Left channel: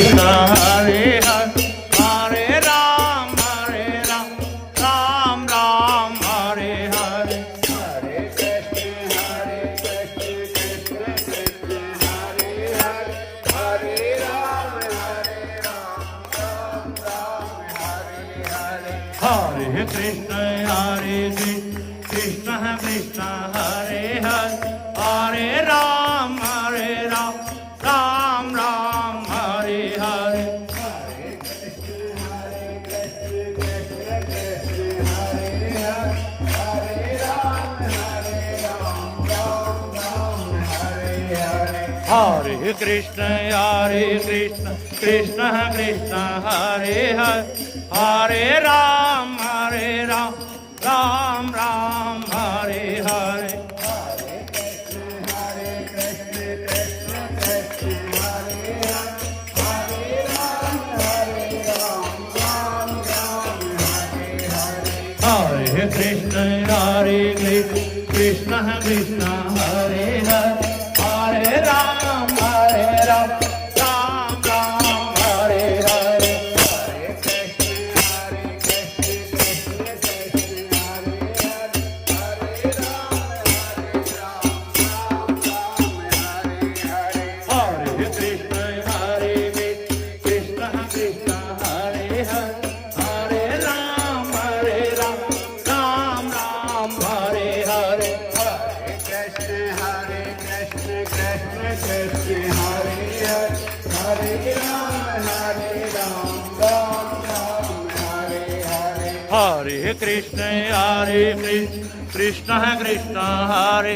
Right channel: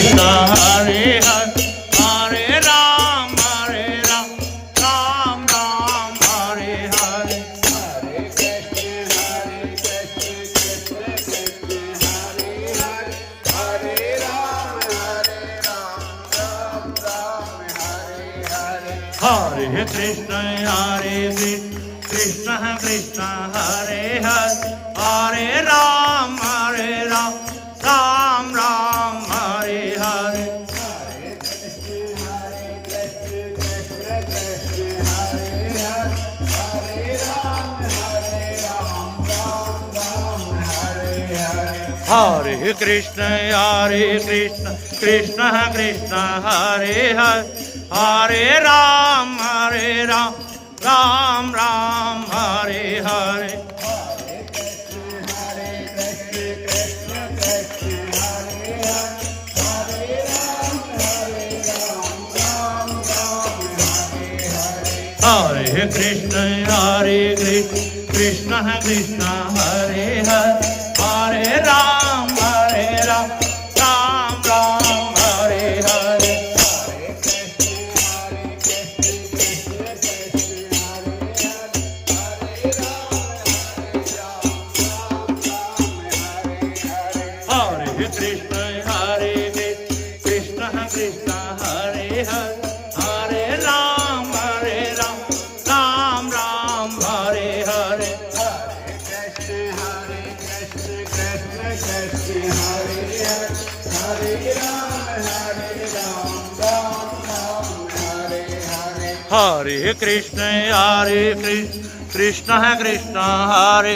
Hare Hare Hare Ram Ram Ram Hare Hare Hare Krishna Krishna Krishna Hare Hare Hare Ram Ram Ram Hare Hare Hare Krishna Krishna Krishna Hare Hare Hare Ram Ram Ram Hare Hare Hare Krishna Krishna Krishna Hare Hare Hare Ram Ram Ram Hare Hare Hare Krishna Krishna Krishna Hare Hare Hare Ram Ram Ram Hare Hare Hare Krishna Krishna Krishna Hare Hare Hare Ram Ram Ram Hare Hare Hare Krishna Krishna Krishna Hare